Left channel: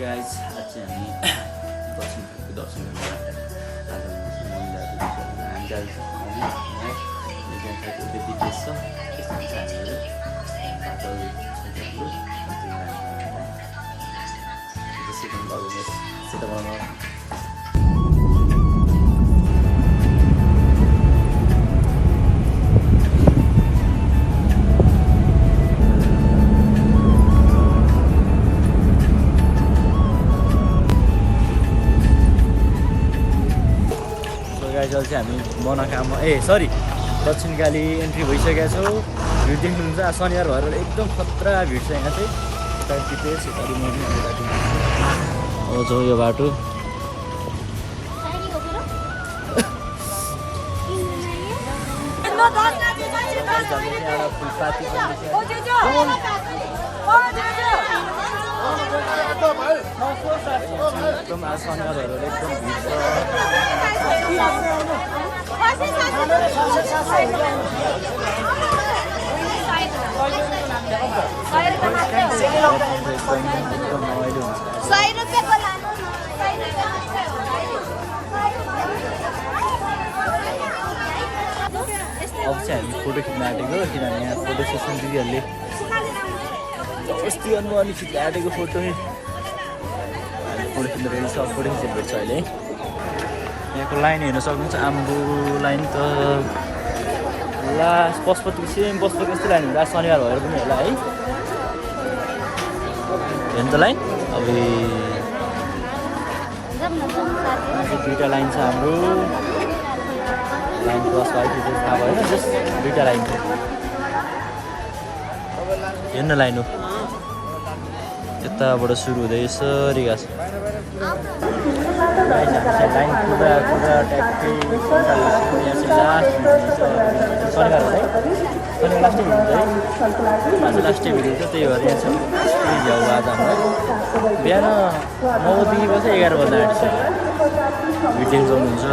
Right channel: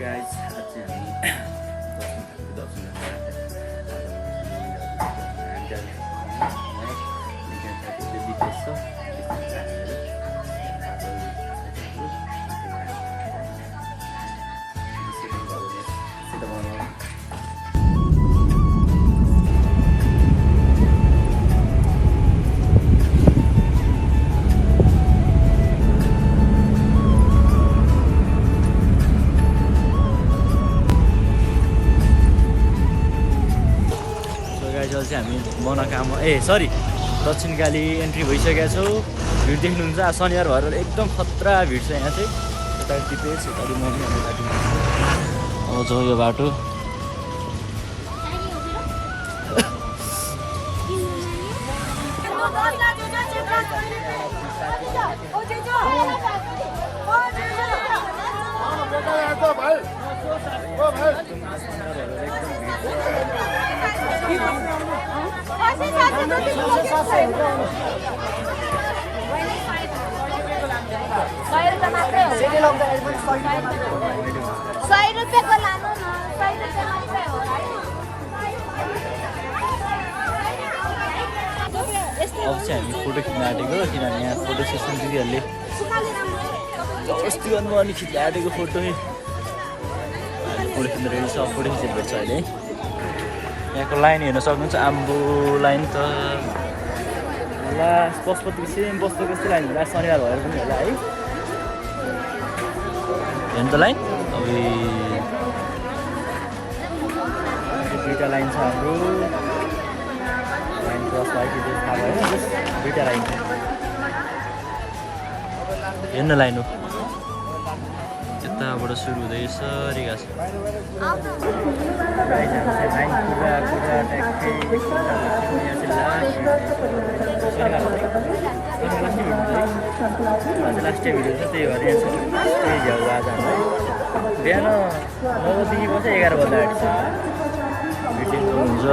Guys आज चाहिँ हामी दर्शन गर्न हामी मनोकामना सरी दक्षिणकाली एन्ट्री भइसकेका छौँ। भिड देख्नुहुन्छ शनिबार भएर एकदम खतरा भिड छ यहाँ चाहिँ। यता दिपेश यता मम्मी अब जाउँ यो बाटो। एकदम शनिबार भएर एकदम भिड छ। एकदम रमाइलो हुन्छ। अब चाहिँ हामी फोटो खिच्न आँटेको, किनभने यहाँ फोटो सेसन दिदीहरूले जबरजस्ती गर्नु अनि खिच्न आँटेको फोटो अहिले फोटो खिच्न रेडी छ। फोटो खिचेर भेट्छ अहिले। यहाँको लाइन हेर्न सक्नुहुन्छ, आम्बु लाइन त लास्ट पशुपति सेम पशुपति जस्तै लाइन होला। शनिबार भएर पनि होला है, हेर्नु त लाइन। अब दुईवटा लाइन छ हाम्रो। लाइन क्रस भयो कि थाहा भएन, जस्ट दुईवटा लाइन हेर्न लाइन हो। यताबाट सुरु हुँदै यसरी गएको छ। लाइन पुरा ट्याक्कै यहाँ चाहिँ लास्ट शनिबार होला है। शनिबार लास्टै भिड है, आज लास्टै भिड हुन्छ। त्यही भएर यहाँ चाहिँ लास्टै भ्याउ आज हाम्रो है। बिहान 9 बजीदेखि बस्छ 11 बज्न आँटिसक्यो। भिडियो सक्नुहुन्छ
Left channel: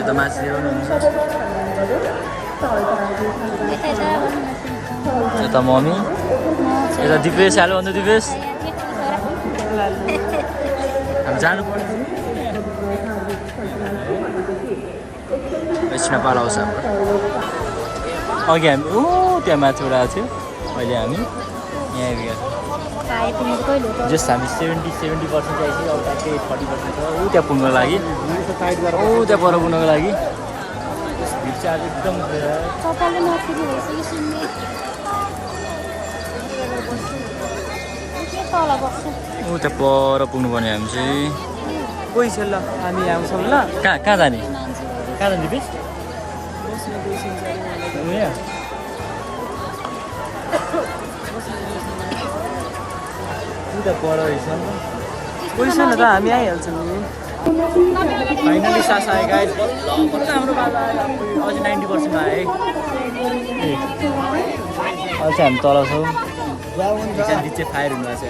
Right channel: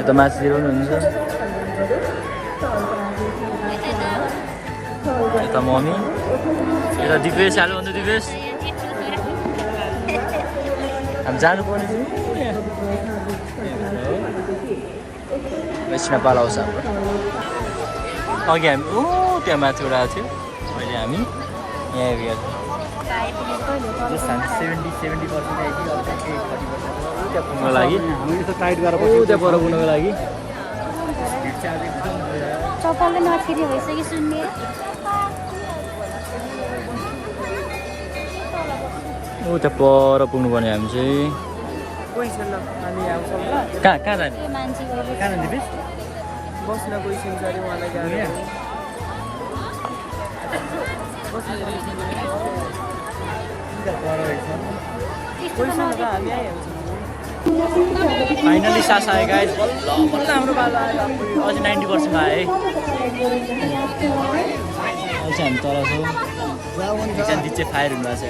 यता माथितिर पनि हुन्छ। यता मम्मी, यता दिपेश हाल्यो भन्दा दिपेश हामी जानुपर्ने वैष्णव पाल आउँछ हाम्रो। अघि हामी त्यहाँ माथिबाट आएको थियो, अहिले हामी यहाँ आइपुगेको छौँ। जस्ट हामी 70% आइसक्यो। अब ट्याक्कै 40% छ त्यहाँ पुग्नको लागि, त्यहाँ पर पुग्नको लागि। भिड चाहिँ आज एकदम त्यहाँ पर पुग्नुपर्ने हामी चाहिँ। कहाँ जाने दिपेश बस्न गइसक्यो अरे मलाई पर रहेछ कोही छैन त, हामी आइहाल्छौँ। फाइनली सास आयो गाइस। बल्ल हाम्रो बाजा आयो। अझै 90% आयो है। अहिले चाहिँ हामी तल छौँ। दिचे फायर हुनुभएको छ।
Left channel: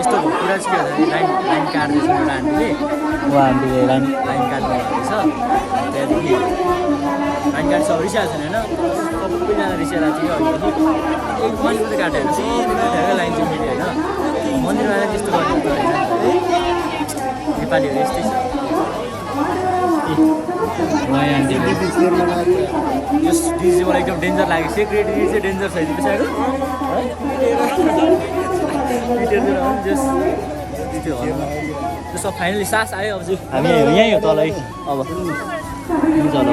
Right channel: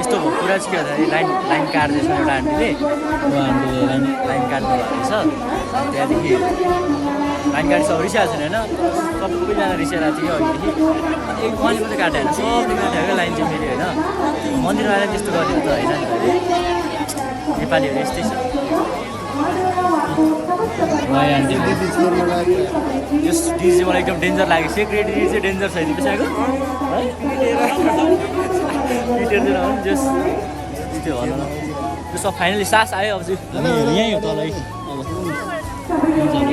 यस्तो कुरा चाहिँ के भन्दाखेरि लाइन काट्दैछ एउटा आन्टीले। आन्टीले लाइन काट्नु भएको रहेछ। त्यहाँदेखि लाइन काटिसक्यो, रिसाएको छैन होइन। सबैजना रिसाइरहेको थियो अघिदेखि। एक मन्दिर मात्रै काटेर सिधै लाइन चाहिँ फेरि होइन। मन्दिरमा आएर त्यस्तो गरेको त होइन नि त। नेपालीहरू यस्तै छ। आन्टी यस डिजी मलाई एकदम डेन्जर लाग्यो। सेक्रेटरी चाहिँ डेन्जर छ त्यसको है। जस फाइनली सास आयो। अब चाहिँ हामी यहीँ हो तल है। अब चलो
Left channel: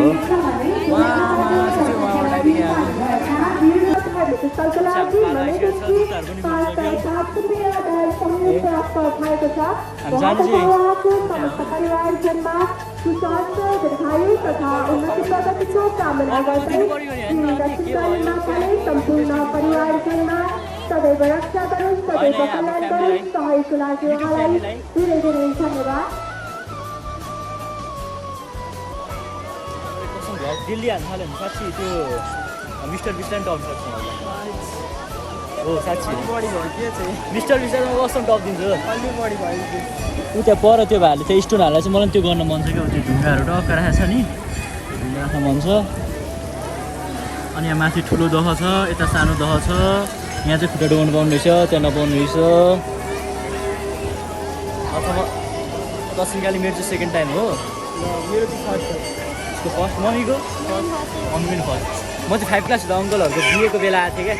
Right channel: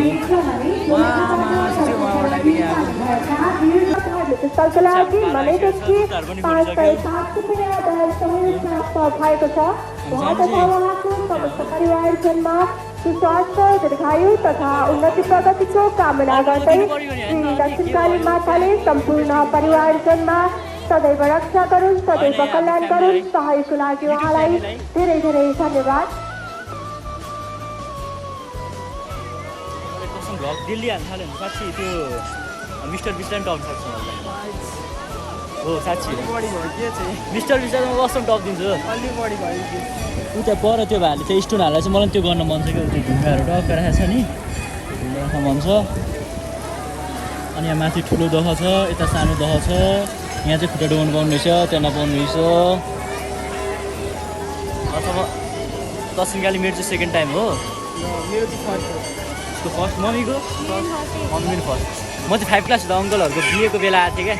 दीर्घायु तथा उन्नति प्रगतिको कामना गर्दै दक्षिणकाली माताले सम्पूर्ण परिवारजनमा सदैव रक्षा गरून्, सदैव कल्याण गरून्। सहयोगको लागि उहाँलाई धेरै धेरै धन्यवाद। दिल्ली हाल्नु थाल्यो भने साँच्ची त्यो मिस्टर बिस्टान टप सक्छ हो। साँच्ची मिस्टर बिस्टानमा कस्तो टप दिन्छ अलि बढी भयो। उता पर त्यो भाइले चाहिँ स्टोन हालेर चाहिँ मलाई त्यो गर्न मन छ क्या। त्यो ढुङ्गाहरू टक्क राखेको छ नि, ढुङ्गा राख्न मन छ। अनि यहाँ माथि ठुलो दह छ, यता सानो दह छ। यहाँ चाहिँ खुट्टा डुबाउनु पाउनु रहेछ, त्यहाँ नपाउनु रहेछ। अथवा तसिनकाली मेरो चाहिँ सेकेन्ड टाइम हो। मेरो चाहिँ फर्स्ट हो। उसको फर्स्ट, मम्मीको मम्मी पनि फर्स्ट। म चाहिँ 5 क्लास हुँदा अङ्कलहरूको बिहेको बेला आएको थिएँ क्या,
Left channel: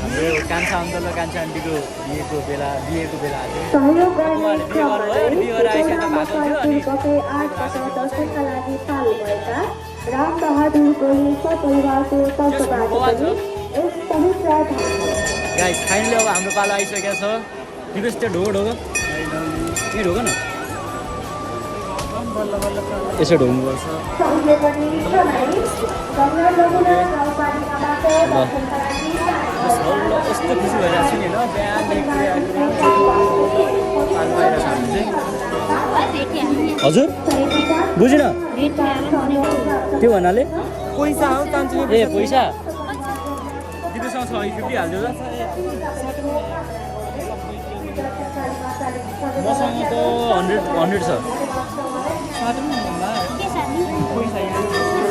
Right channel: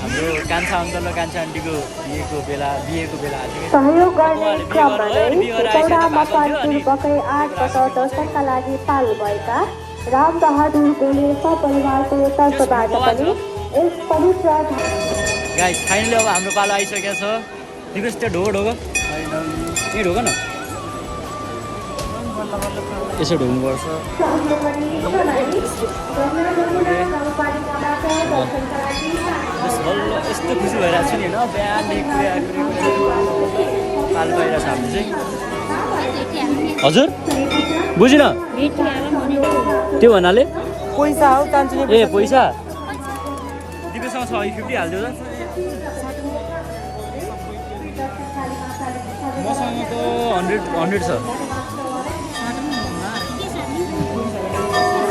हाम्रो कान्छा अङ्कल र कान्छा आन्टीको बिहेको बेला आएको थिएँ। सहयोग गर्ने क्रममा बकै 8 दर्शनका लागि पाल भएका रामबहादुर गोली सपरिवारको तर्फबाट पनि यस पवित्र गाइस फाइनली अब हाम्रो पालो आइसकेको छ। दिपेश त्यो ढोग ढोग यहीँ ढोग न, यसो ढोग्नुपर्छ। यस्तो खुसी भइरहेको छु नि होइन, बिहानदेखि पालो पाइरहेको छ हाम्रो चाहिँ। हजुर बुझिन त्यो भन्नाले पैसा हो कान्छो ए पैसा दिपेसँग 50 हालिदियो त। मसँग त 100 छ।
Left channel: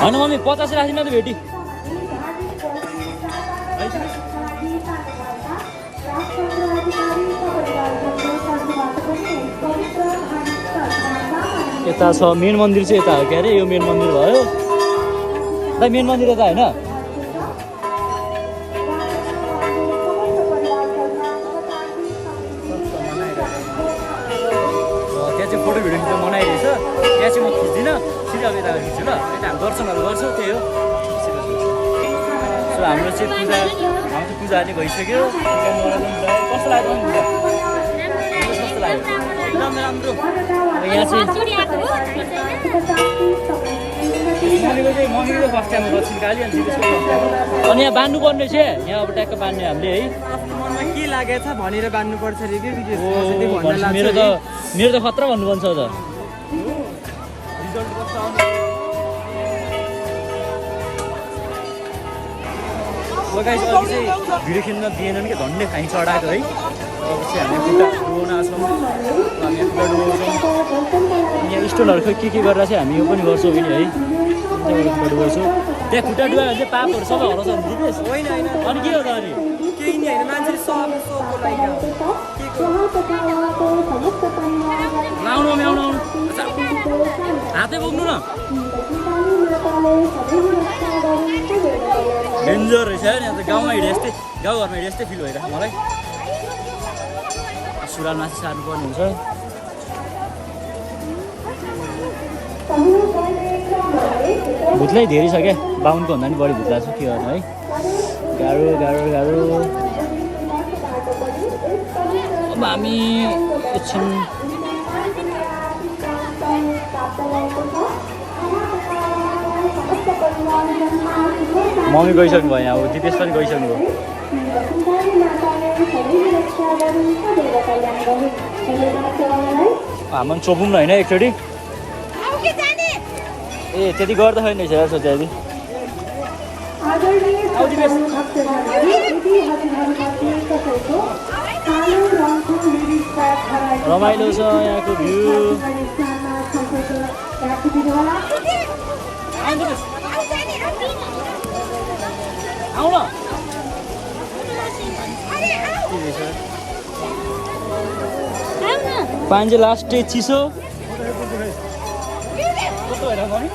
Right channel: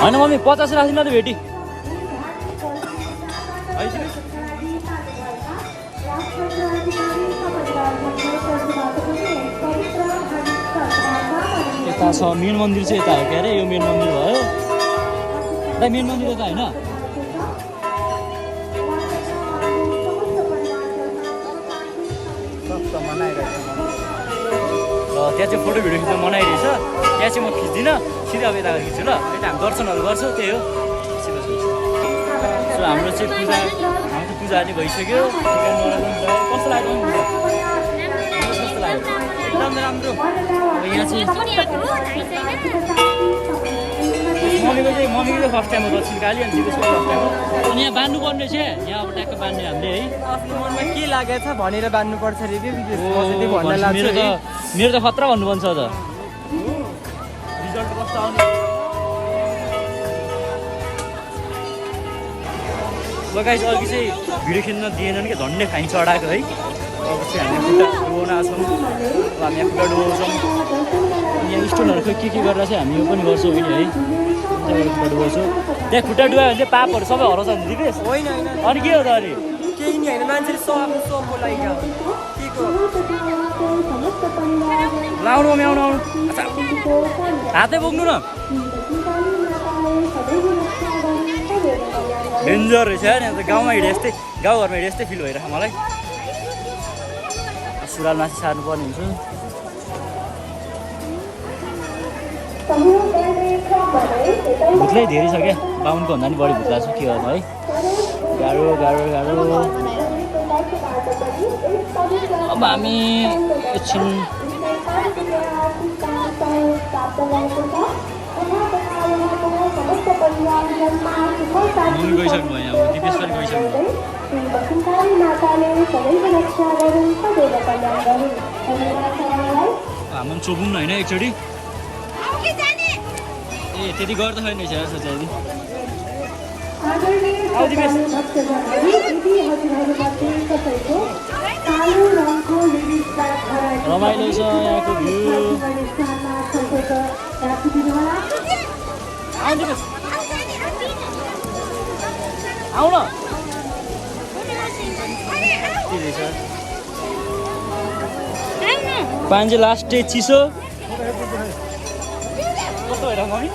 होइन मम्मी 50 राखिदिनु त भेटी। यता छ मेन मन्दिर चाहिँ यता हो क्या अरे, यो मेन मन्दिर भयो दाइ। मेन मन्दिर यता होइन, त्यहाँ चाहिँ फोटो भिडियो खिच्न मनाइरहेछ। त्यहाँ चाहिँ म खिच्दिनँ, सिधै अब यता खिच्छु ल। यता हामी दर्शनहरू गर्छौँ, त्यही हो। सो हाम्रो चाहिँ पूजा चाहिँ भइसक्यो। कस्तो लाग्यो पूजा? कस्तो लाग्यो? एकदम राम्रो। अब यहाँ चाहिँ मम्मीको चाहिँ फर्स्ट टाइम हो दक्षिणकाली, अनि दिपेशको फर्स्ट टाइम हो। अनि यहाँ बान्नुपर्ने चाहिँ यहाँ अब ट्याक्क बान्ने हामीले है। आफ्नो मनमा के लागेको छ भनेर बान्नुपर्छ अरे कि भन्न लाग्छ। मेरो त खतरा भन्नुपर्छ त। रिजल्ट कस्तो आउने लगाइ अघि चाहिँ भिडियो खेल्न दिएनन् कि झन्डै फाइन चढाएको है। अब चाहिँ हामी खुट्टा डुबाउन आउँछौँ, हामी यहाँ खुट्टा डुबाउँछौँ। यहाँ स्टोनहरू के गरेर चाहिँ हामी यो पनि गर्छौँ होइन है। खुट्टा डुबाउँछौँ, त्यहाँ खुट्टा डुबायो भने चाहिँ पापहरू सबै हराउँछ नि दिपेश। होइन होइन अनि के हो त? अनि केही नि होइन, मान्छेले सबको लागि के को लाउनु मम्मी आउनु हातै बोक्नु न। डेन्जर रहेछ यार, यहाँ त गाउँमा हिँडे जस्तै, गाउँघरमा हिँडे जस्तै फिल भइरहेको मलाई। सुरुवाल माथि सार्नुपर्ने हुन्छ। भुत्लै धेरै छ क्या, 52को भन्दा नि बढी भुत्ला छ, के गर्नु है। गाह्रो गाह्रो गाह्रो। अब हामी एकछिन मम्मी गइसक्नु भयो, अब दिपेश पनि गइसक्नु भयो। हाम्रो चोपौँ न होइन एकचोटि। ए त्यति गर्दाखेरि नै छ सोचे। रमाइलो छ यहाँको भ्यू। आउ न पानी लास्ट डे चिसो कस्तो भइरहेको मम्मी?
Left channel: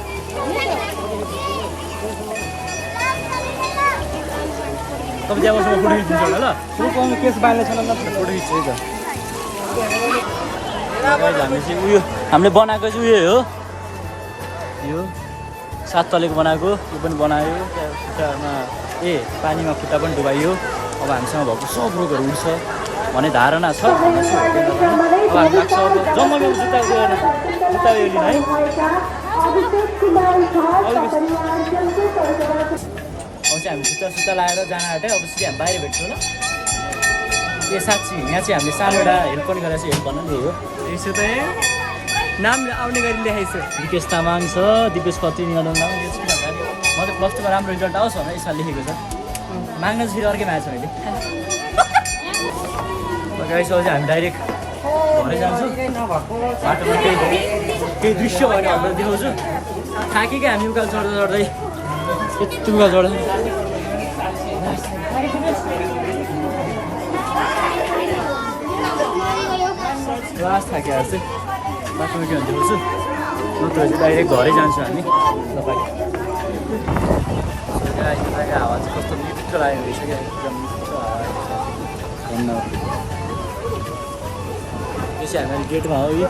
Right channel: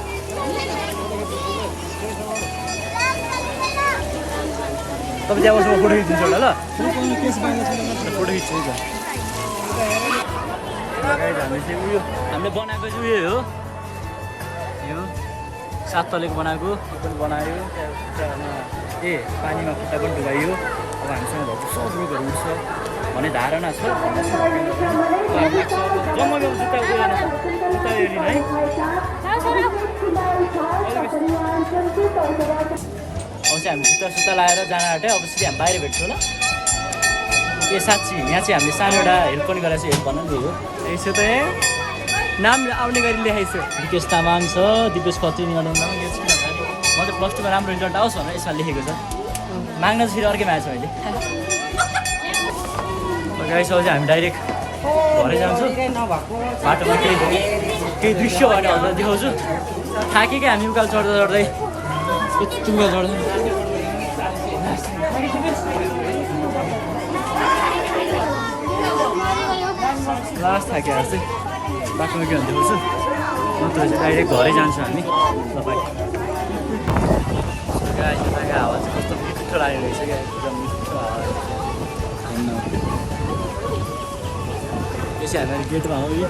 तपाईँ त्यहाँ बसेर फोटो खिचिदिन्छु होला ल। केस बाल्नु छैन फोटो खिच्छु है त। हामी चाहिँ उयो हामीले बनाएको चाहिँ उयो हो, यो 7 तलेको बनाएको। यो पनि बनायो, त्यहाँ खुट्टामा पानीमा खुट्टा पनि डुबाइयो। अब हामीसँग भएको सब रोगहरू उठ्छ भन्ने धारणा छ। अब हामी लाग्छ अब जम्मा जुत्ता उयो लिनु है। अब चाहिँ हामी जुत्ता लगाएर जान आँट्यो। अब सिधै हामी बाहिर भेट्छौँ ल। ए साँच्ची यहाँ चाहिँ हामीले सानो एउटा हेल्प पनि गरेको छ, हेल्प भन्न नि हो। यसो त नाम आउने गरी लेखाइछ। दिपेश तामाङ छ, दिपेश खत्री निगम। यो चाहिँ किन भन्दाखेरि म चाहिँ +2मा राम्रो रिजल्ट आओस् भनेर यसमा लेखेको छ। माग्न चाहिँ फेरि अर्कै मागेको छ मैले। गाइसो चाहिँ हामी डाइरेक्ट घरै जान्छौँ। बाटोमा केही दृश्य भयो भने हजुर देखाउँछु। थाकेकै हामी उकालो चढ्दै यति उकालो चढ्दै लास्ट थाकेर चाहिँ बाटोमा के भन्दै देखाउँछु नत्र चाहिँ डाइरेक्ट घरै जान्छौँ हामी तपाईँ तपाईँको हावा चाहिँ कस्तो मिठो लागेको रहेछ क्या एकदम मिठो हावा भन्नु यो चाहिँ हामीहरू गेटमा हो यो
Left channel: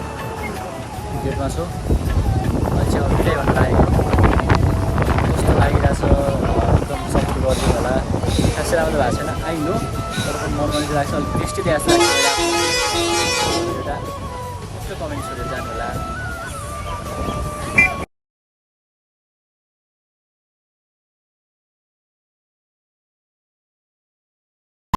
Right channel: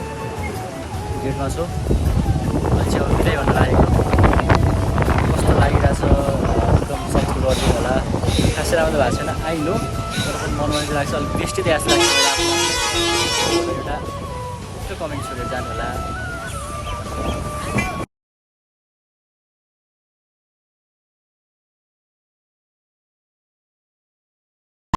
गेटमा छौँ अहिले चाहिँ बिदाइ हुन लागेको कस्तो लागिरहेछ एकदम सपोर्ट गरिदिनु होला खासै राम्रो भएको छैन आई नो तर पनि मन चाहिँ लाग्छ अलिक बेस्टै त्यहाँ जस्तो लाग्छ एउटा मिठो कमेन्ट छोडेर जानु होला